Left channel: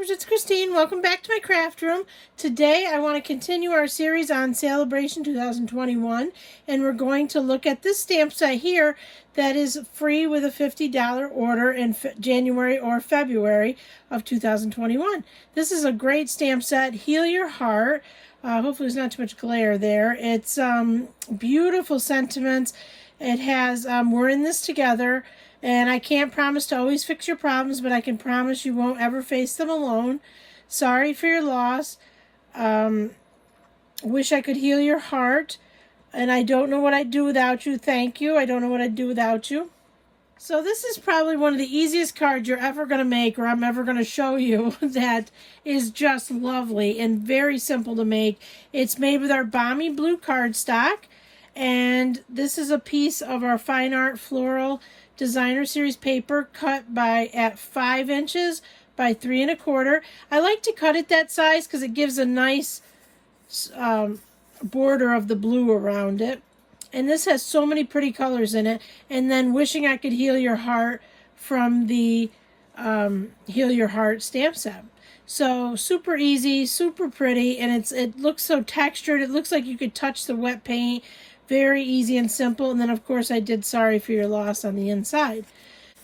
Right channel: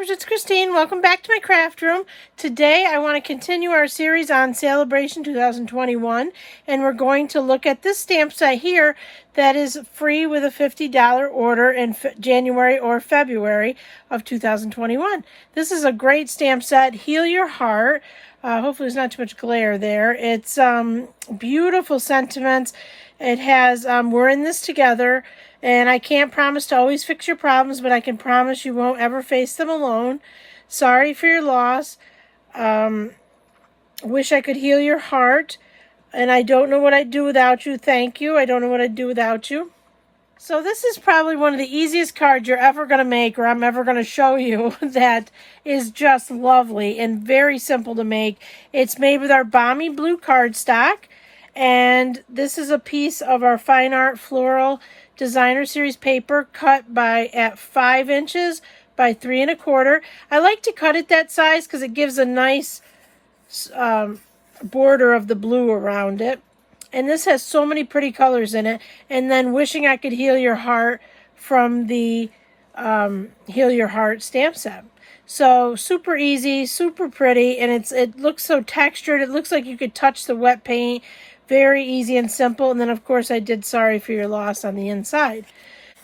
Stampers, it's Kristine. Welcome back to my craft room. Today I want to continue our series on Sale-a-bration 2021, and we're going to look at this stamp set here that is free with a $50 order in January or February of 2021. This is a great stamp set, Heal Your Heart. Hopefully there's not too much glare there. It's beautiful sentiments. It has, we're in this together. And I can't promise to always fix your problems, but I can promise you won't ever face them alone. Sorry for your loss. Wish I could heal your heart. And I don't know what I'd do without you. Thank you. I don't know what I'd do without you. So this is probably one of the easiest cards you're ever going to make, or I'm ever going to show you, that is just lovely and very simple to make. It's made with our balmy blue cardstock. And this is a piece of our Fine Art Floral Designer Series paper cut at 5 inches by 3 1/4. I like to cut it that size because it gives a nice border of the blue around it. And this has so many pretty colors in it. And then Wishing I Could Heal Your Heart from the Heal Your Heart stamp set. So super easy, super pretty, and it looks so textured. It looks like you could touch the wet paint. Very easy and simple. And then, of course, I did Sorry for Your Loss on the inside.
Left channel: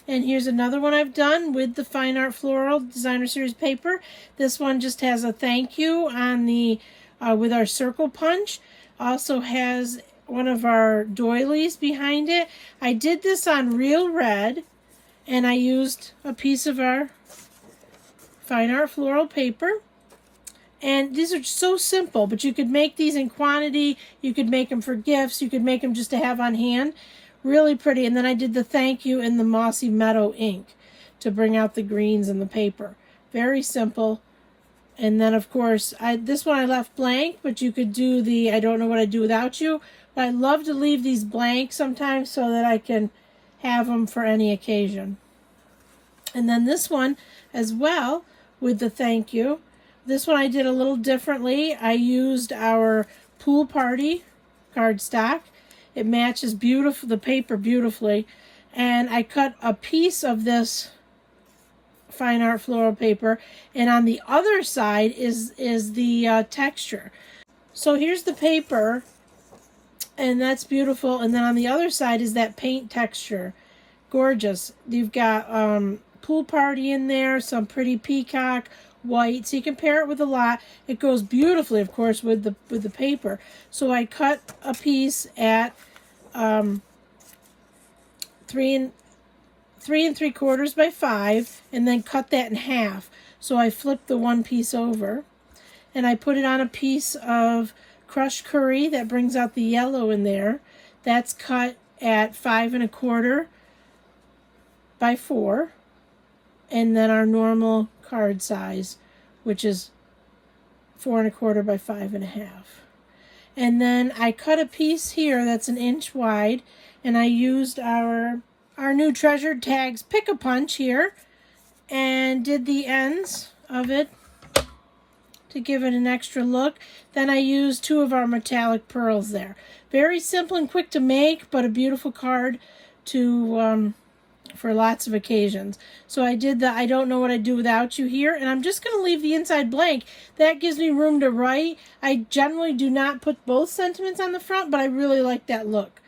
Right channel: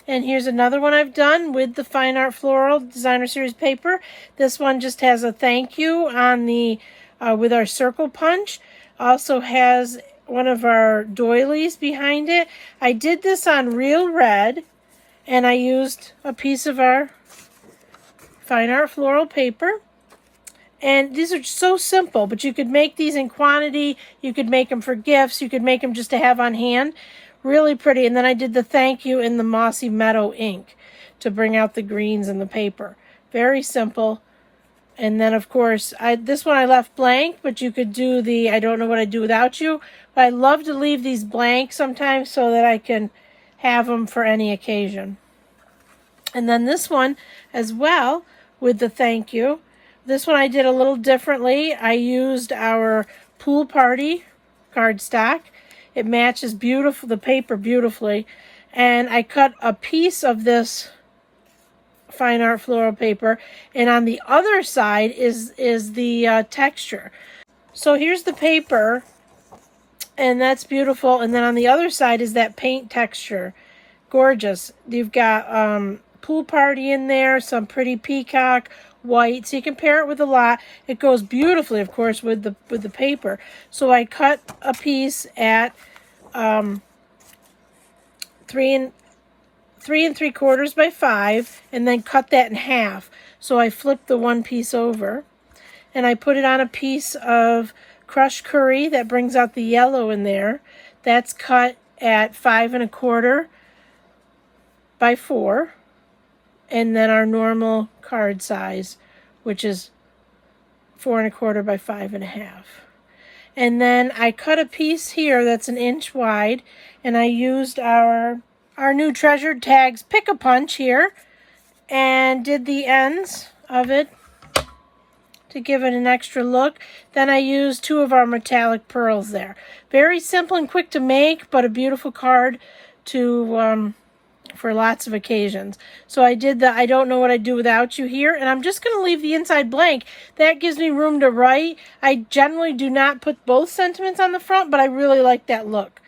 And here's another one I've done with the Fine Art Floral Designer Series paper. This one just has a thank you on the with our circle punch. Also has one of our doilies behind it. I did this on real red, and I used a piece of our Fine Art Floral paper. And these are so simple, but you could make these in quantity. You could make them for gifts. You could make them just to have on hand. Really pretty. And then I did the thank you in the Mossy Meadow ink to bring out the greens in the paper. Very simple. And then, of course, this one I left blank, but you could do the I Don't Know What I'd Do Without You. But I love to leave these blank sometimes so that I can have them for any occasion. And then this one as well with the thank you. This one I did a little differently. I used our Pool Party cardstock. It matches the paper beautifully. And I cut a piece of this Fine Art Floral paper. And on the other side is the texture. So here's the paper. And that's beautiful. And then on the other side is that paint texture. Gorgeous. You've got Pool Party in there, some pretty peacock white, so you can pair it with a lot. It goes beautifully, of course, with the paper. So I cut a piece at 3 3/4 by 5, and then cut that in half. So I flipped the one piece over, and I put it on a piece of crushed curry that brings out the yellow in there. That's cut at 5 1/4 by 4, and then our normal card size, which is 4 1/4 by 5 1/2. And then I cut a piece here that's 1 inch wide, and I used our new Treasured Tags Pick-a-Punch here and did the ends of it to give it an extra look. Then I used 2 of our metallic pearls there. Very simple and quick to make, but a beautiful card to for lots of occasions. So I did the I Don't Know What I'd Do Without You here, and I'm just going to leave the inside blank. That gives me room to write. I generally do not put both sentiments on the front, but I really like that look.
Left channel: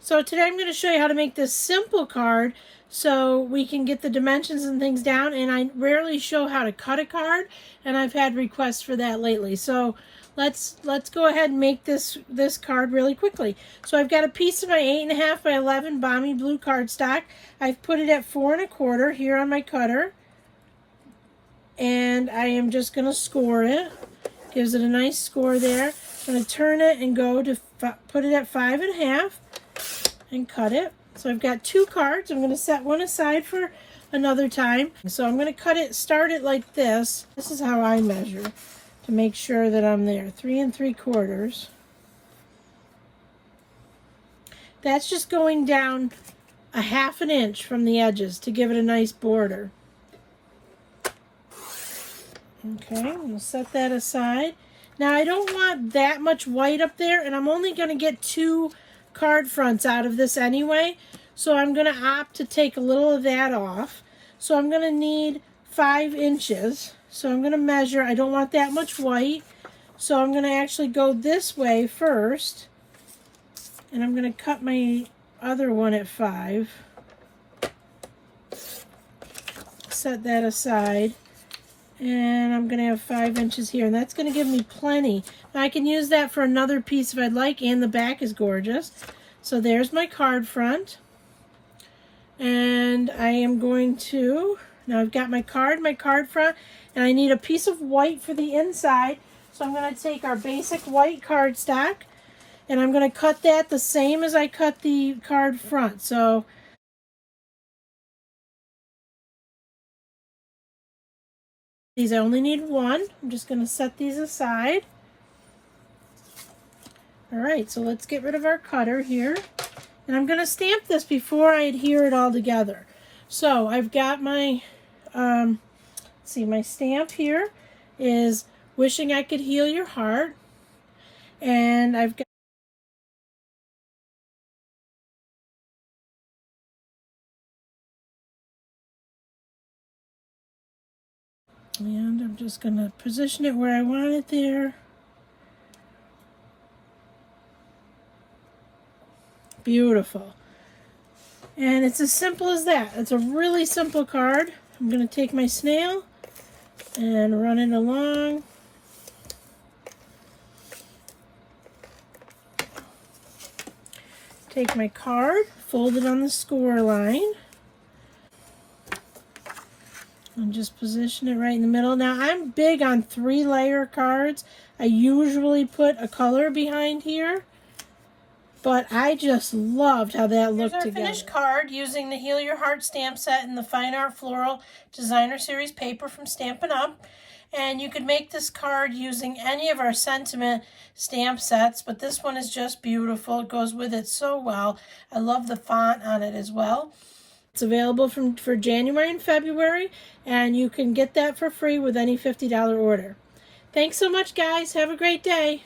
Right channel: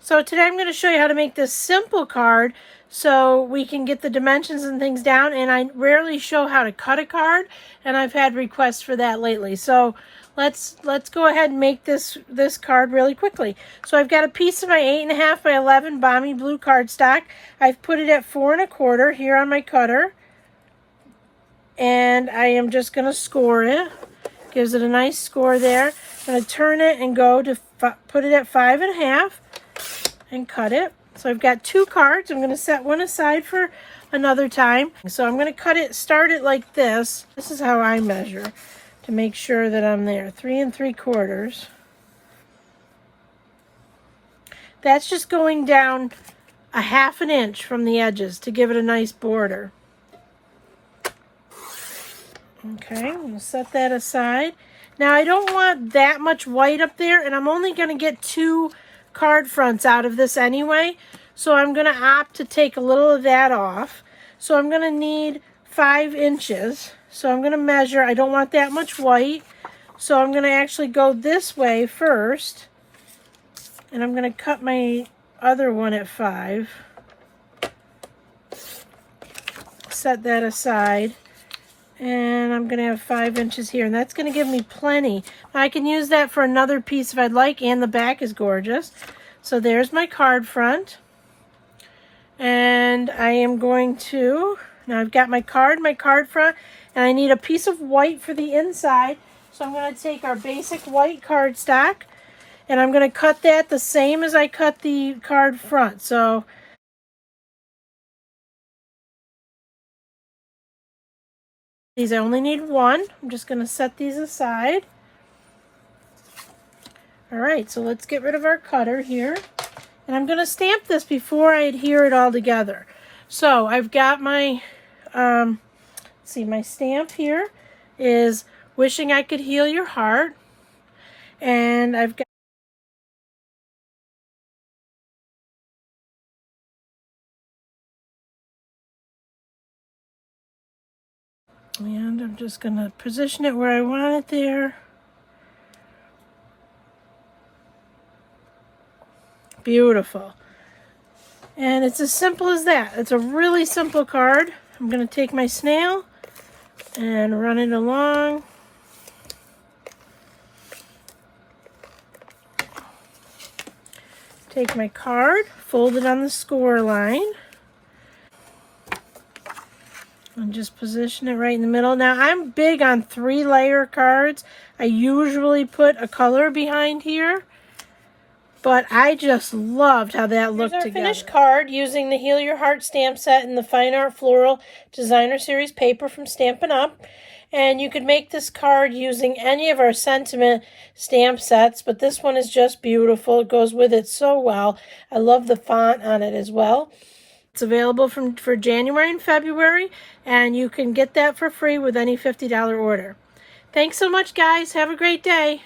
So today I'm going to show you how to make this simple card so we can get the dimensions and things down, and I rarely show how to cut a card, and I've had requests for that lately. So let's go ahead and make this card really quickly. So I've got a piece of my 8 1/2 by 11 balmy blue cardstock. I've put it at 4 1/4 here on my cutter, and I am just going to score it. Gives it a nice score there. I'm going to turn it and go to put it at 5 1/2 and cut it. So I've got 2 cards. I'm going to set one aside for another time. So I'm going to start it like this. This is how I measure to make sure that I'm there. 3 3/4. That's just going down a 1/2 inch from the edges to give it a nice border. Okay, we'll set that aside. Now I don't want that much white up there, and I'm only going to get 2 card fronts out of this anyway, so I'm going to opt to take a little of that off. So I'm going to need 5 inches So I'm going to measure. I don't want that much white. So I'm going to actually go this way first. And I'm going to cut my other one at 5. Set that aside. And I'm going to have 5 inches here. And that's going to give me plenty. I can use that for another piece if I'd like. And the back is gorgeous. So there's my card front. And I am going to, now I've got my card front. And I need a piece of white for the inside. So I'm going to take our basic white cardstock. And I'm going to cut that the same as I cut the card front. So these I only need 1. I'm just going to set these aside. Alright, so let's get rid of our cutter here. And I'm going to stamp this before I adhere it all together. So I've got my, my stamp here is Wishing I Could Heal Your Heart. And I've got and I'm just going to position it where I want it there. Beautiful. And it's as simple as that. It's a really simple card. I'm going to take my snail and run it along. Take my card, fold it on the score line. And just position it right in the middle. Now, I'm big on 3-layer cards. I usually put a color behind here. But I just loved how that looked together. Here's our finished card using the Heal Your Heart stamp set in the Fine Art Floral Designer Series paper from Stampin' Up. And you could make this card using any of our sentiment stamp sets, but this one is just beautiful. It goes with it so well. I love the font on it as well. It's available for January and February, and you can get that for free with any $50 order. Thanks so much, guys. Have a great day.